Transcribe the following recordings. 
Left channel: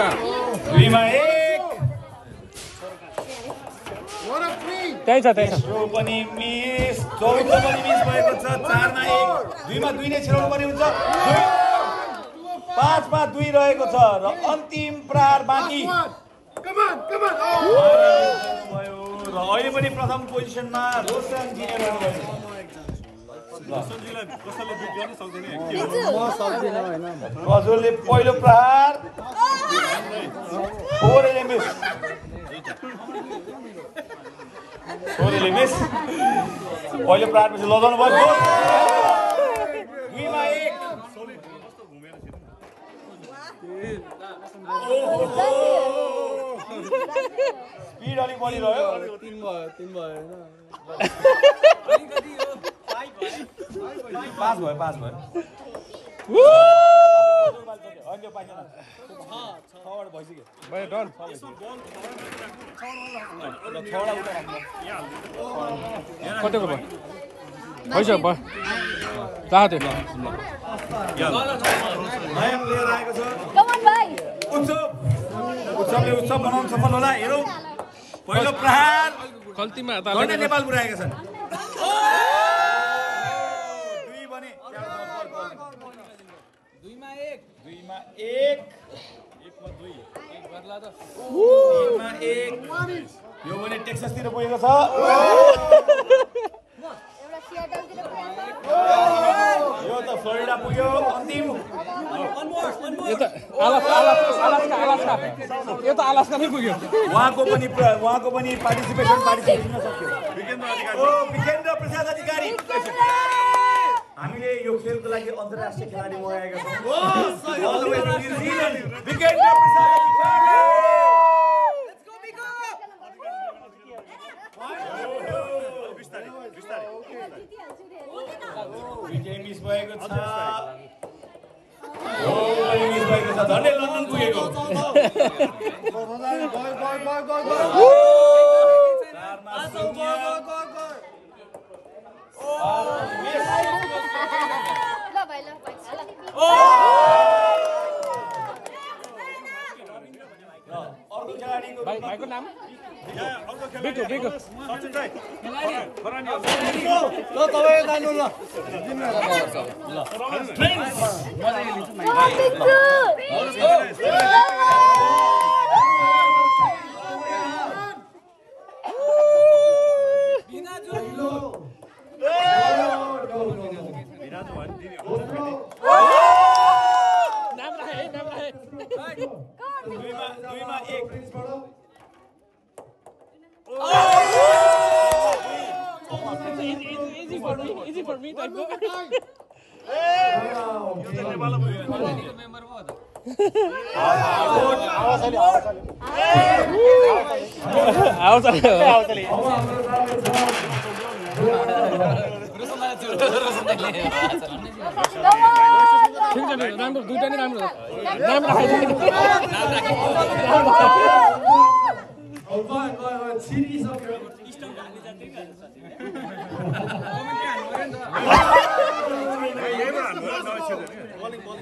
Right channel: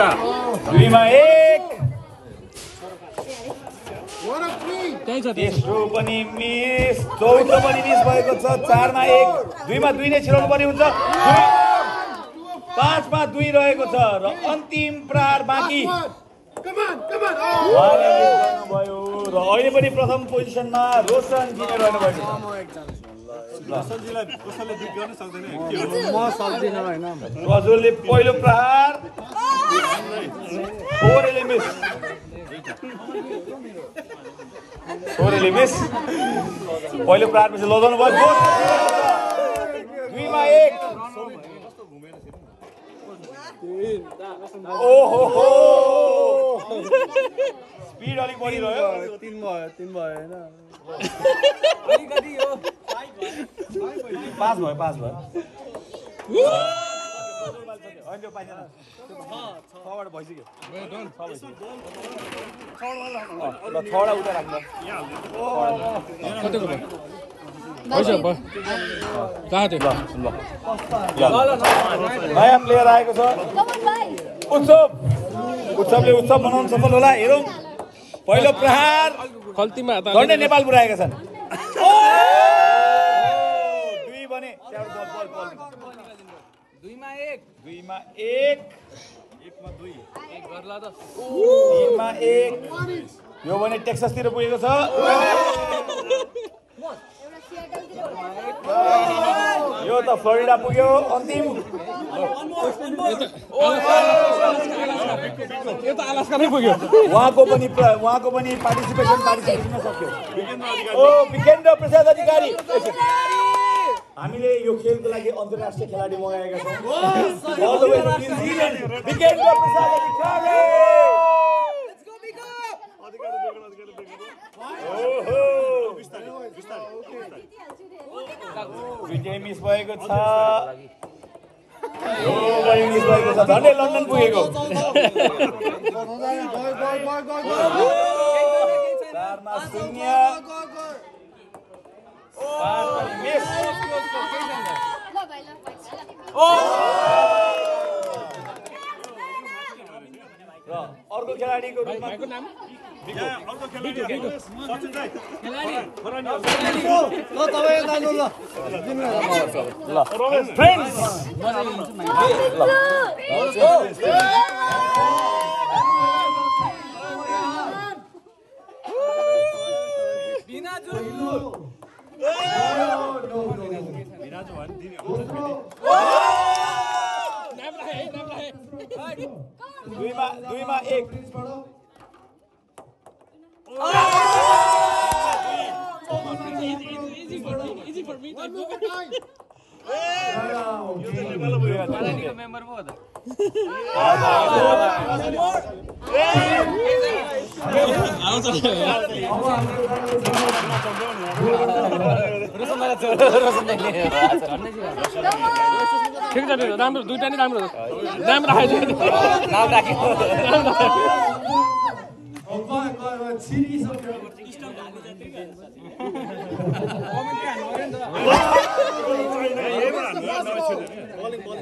2मा 1 त्यही छ तेस्रो पनि मिस चौथो पनि मिस भएको छ 4मा 1 2मा 2 नै छिराउनु पर्ने हुन्छ 5मा 2 रहेको छ र अन्तिम प्रहार बाँकी भयो र अहिले पनि प्रथम पोजिसनमा रोशन जितेर रहनु भएको प्रज्वलले पहिलो प्रहार फोरेले मिस पहिलो प्रहार पछि लजाउनु भयो 2मा 1 ओहो स्पिड अलिक बढिरह्यो 3 भयो हैन पास भयो होइन पाइदैन छबाट भइसक्यो भयो डन ल छवटा उता राख्नु कतिको भयो भइसक्यो भयो राख्यो ल नयाँ प्लेयर आएको छ उत्सवले उत्सव बनाउन सफल होला हेरौँ पहिलो प्रहार खल्तीमा झन्डै नेपाल पुर्याएका छन् 2मा 1 2मा 1 यो भने टेक्सासतिर पुगेको छ यो त फ्लोरिडा पुग्यो अन्तिम यो त अलास्का नै पुग्यो उहाँको पनि पार्टिसिपेसन सक्यो ओ विजेन्द्र प्रसाद अधिकारी हामीले यो खेलको लागि अन्तर्राष्ट्रिय खेलाडी मगाएका छौँ विजेन्द्र प्रसाद अधिकारी विजय मिस भएको छ झन्डै लन्डन पुगेको अर्को खेलाडीको भाइको नाम दुईमा 1 easy for me type को यो त नेपालमा भयो पालानीको मेम्बर पो हो त आउँछ ठिक छ राम्रो दुईटा नै राम्रो नाम राखेको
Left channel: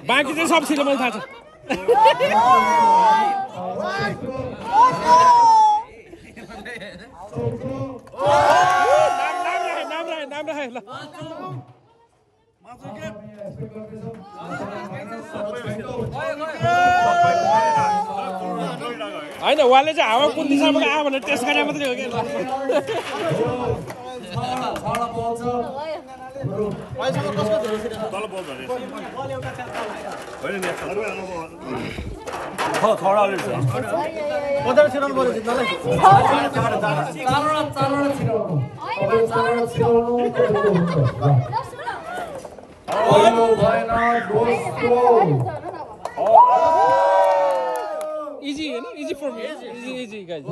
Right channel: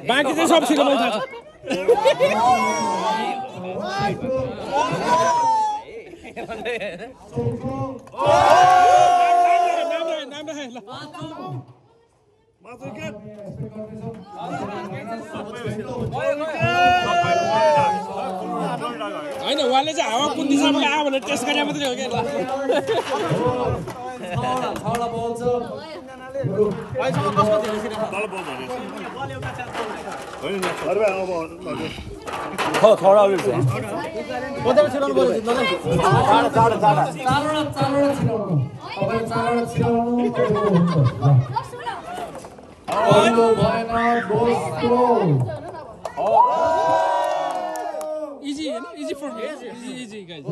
बाँकी चाहिँ सब छिटो मलाई थाहा छ नाम राखे ल होइन उहाँले चाहिँ हावा कुन दिशाबाट आयो भनेर टेस्ट गरे मात्रै हो क्या Easy, you know? Easy for me. Easy, guys.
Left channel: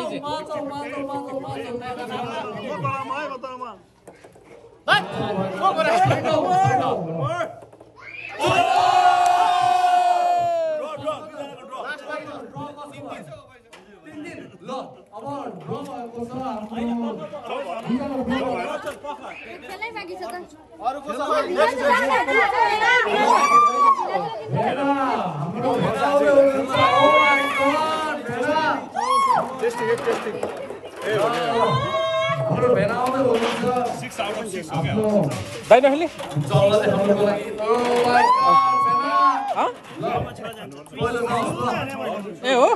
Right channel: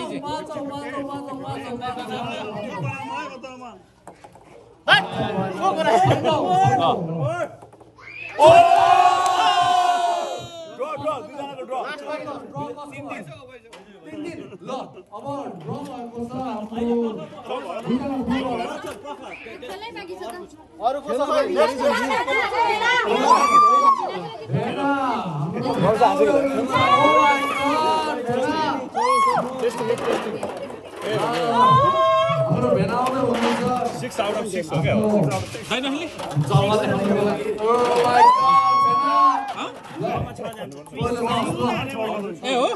Easy. दाइ नखेल्ने ए हो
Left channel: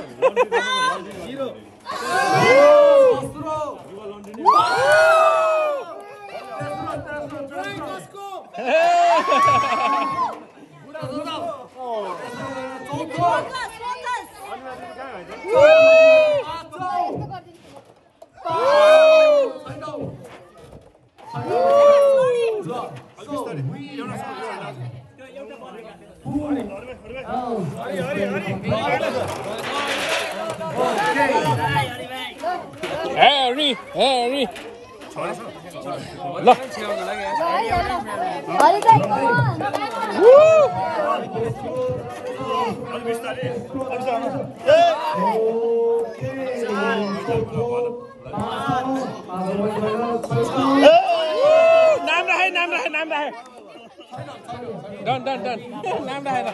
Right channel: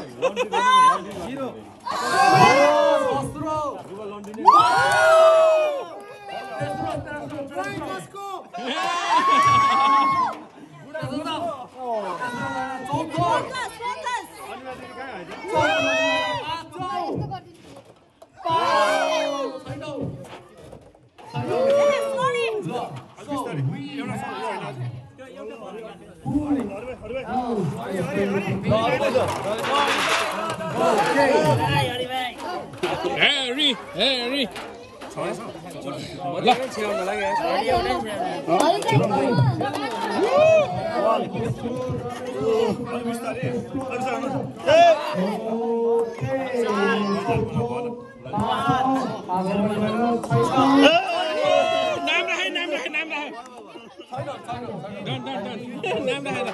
Harry, Harry. Look. नाम रहे डन नाम रहे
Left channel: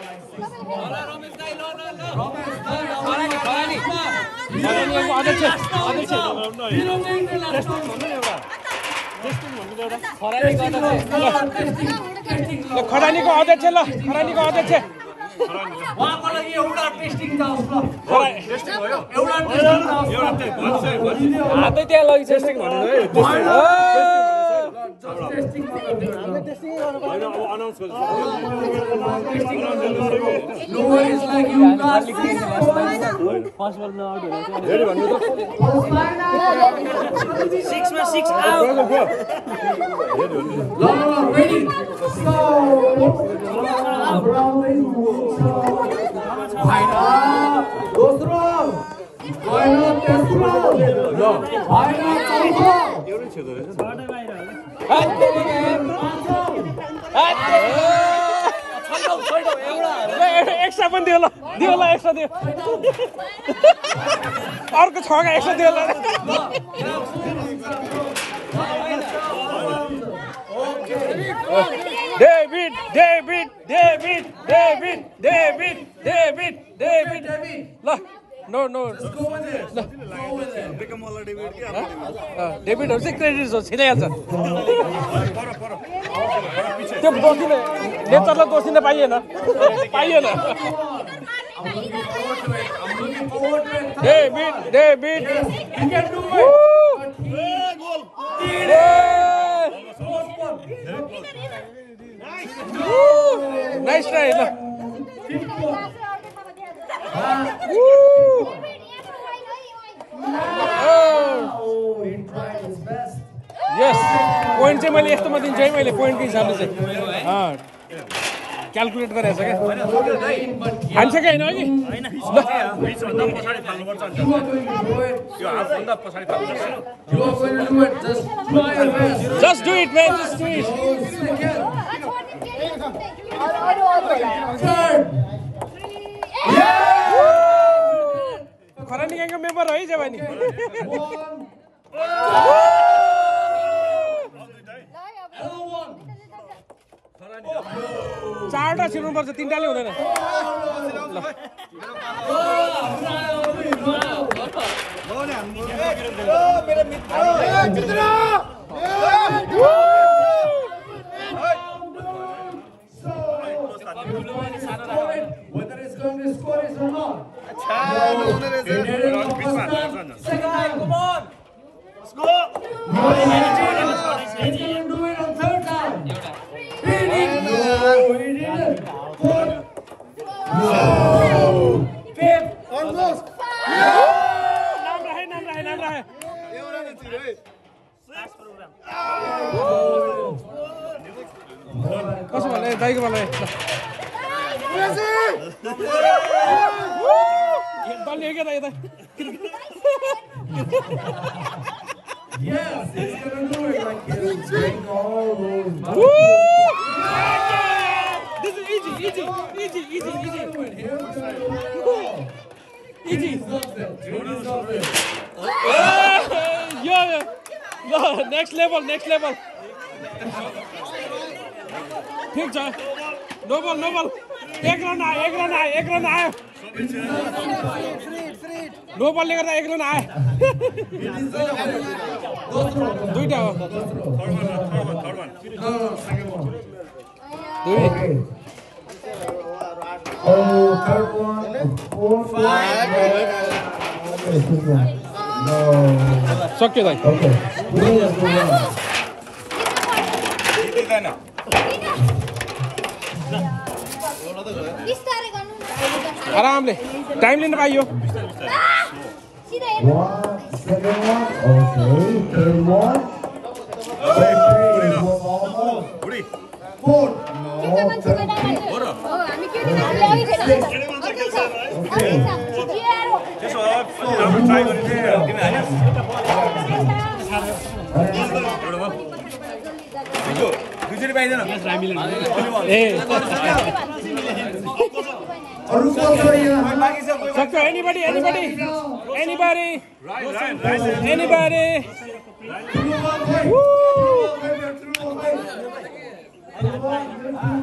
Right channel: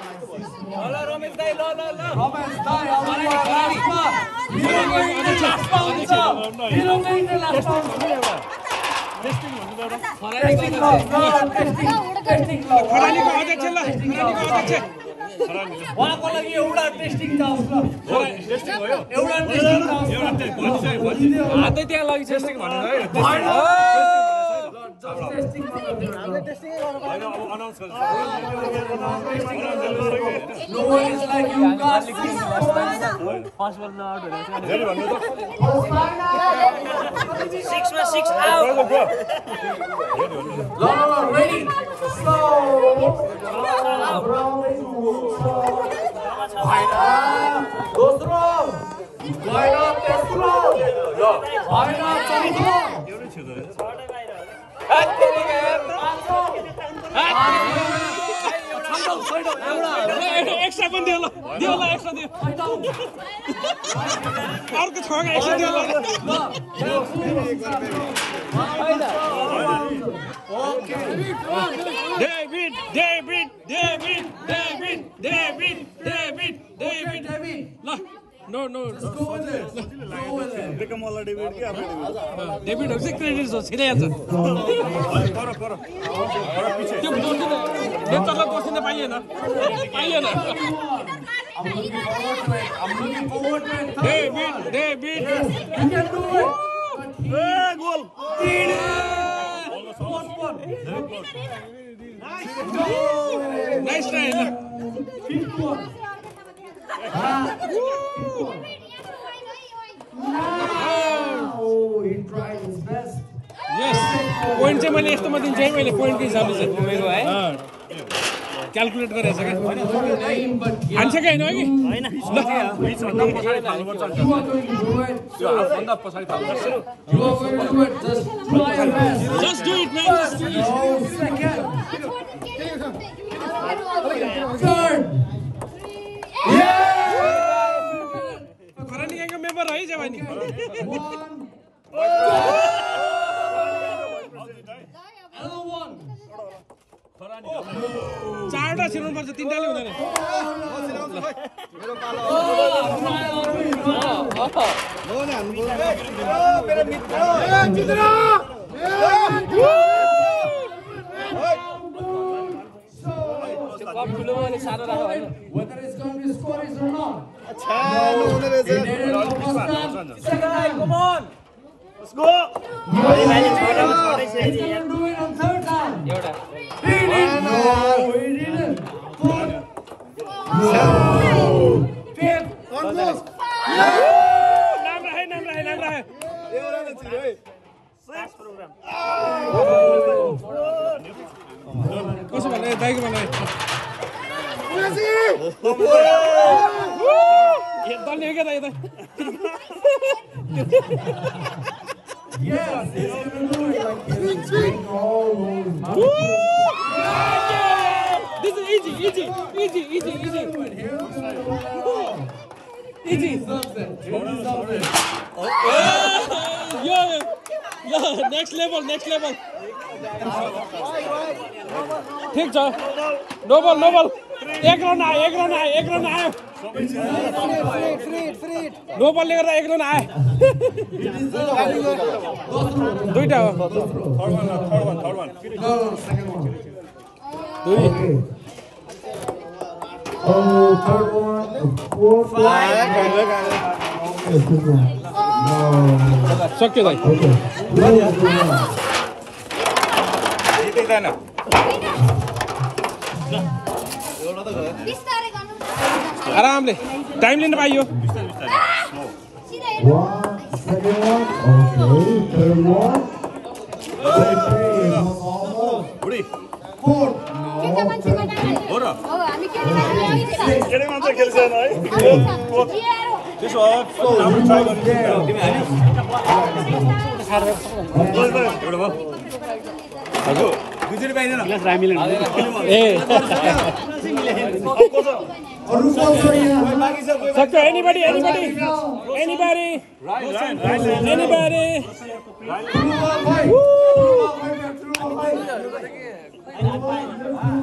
खरानीको अध्यक्ष ल खरानीको अध्यक्ष उहाँको लागि एउटा टेस्टिङ त आउँछ एउटा टेस्टिङ त आउँछ हातै त्यहाँ लगी टेस्टिङ भन्नु है testing Nobody is like you guys. Six out. No, ready. Extra पनि दियो ल एक्स्ट्रा दियो अर्को छगा एक्स्ट्रा दियो ल डेभिड ल नो डेभिडहरू चाहिँ क्रेडिट हो छिराइहाल्छ त्यो बन्दिने नेतालाई दोषिन पाइएन डेभिड नाइस ट्राई ल यस पोइन्ट चाहिँ मैले यस्तोमा दिन्छु है मैले पोइन्टको हिसाबले चाहिँ क्यालकुलेट गरेछ क्या खान्छ कि होइन अघि just do it man just do it खरानी ग्याङको मेम्बर है जवानी चारवटा छिर्नुपर्छ तिनवटाले हुँदैन Whether it's going to score is or not. Come on. Let's go. He didn't do it on third time. He didn't. Fourth. Fifth. Almost. नाम रहे कसो भन्ने दाइको भन्ने दल्ने क्या यता Yes, it's going to do it like this. This is easy. Next level ठिक छ no बल 1 run आयो नो बलले गर्दा 1 रन आयो दुईटा हो सक्यो दाइ आरामले टाइम लिन पाइयो सक्यो anybody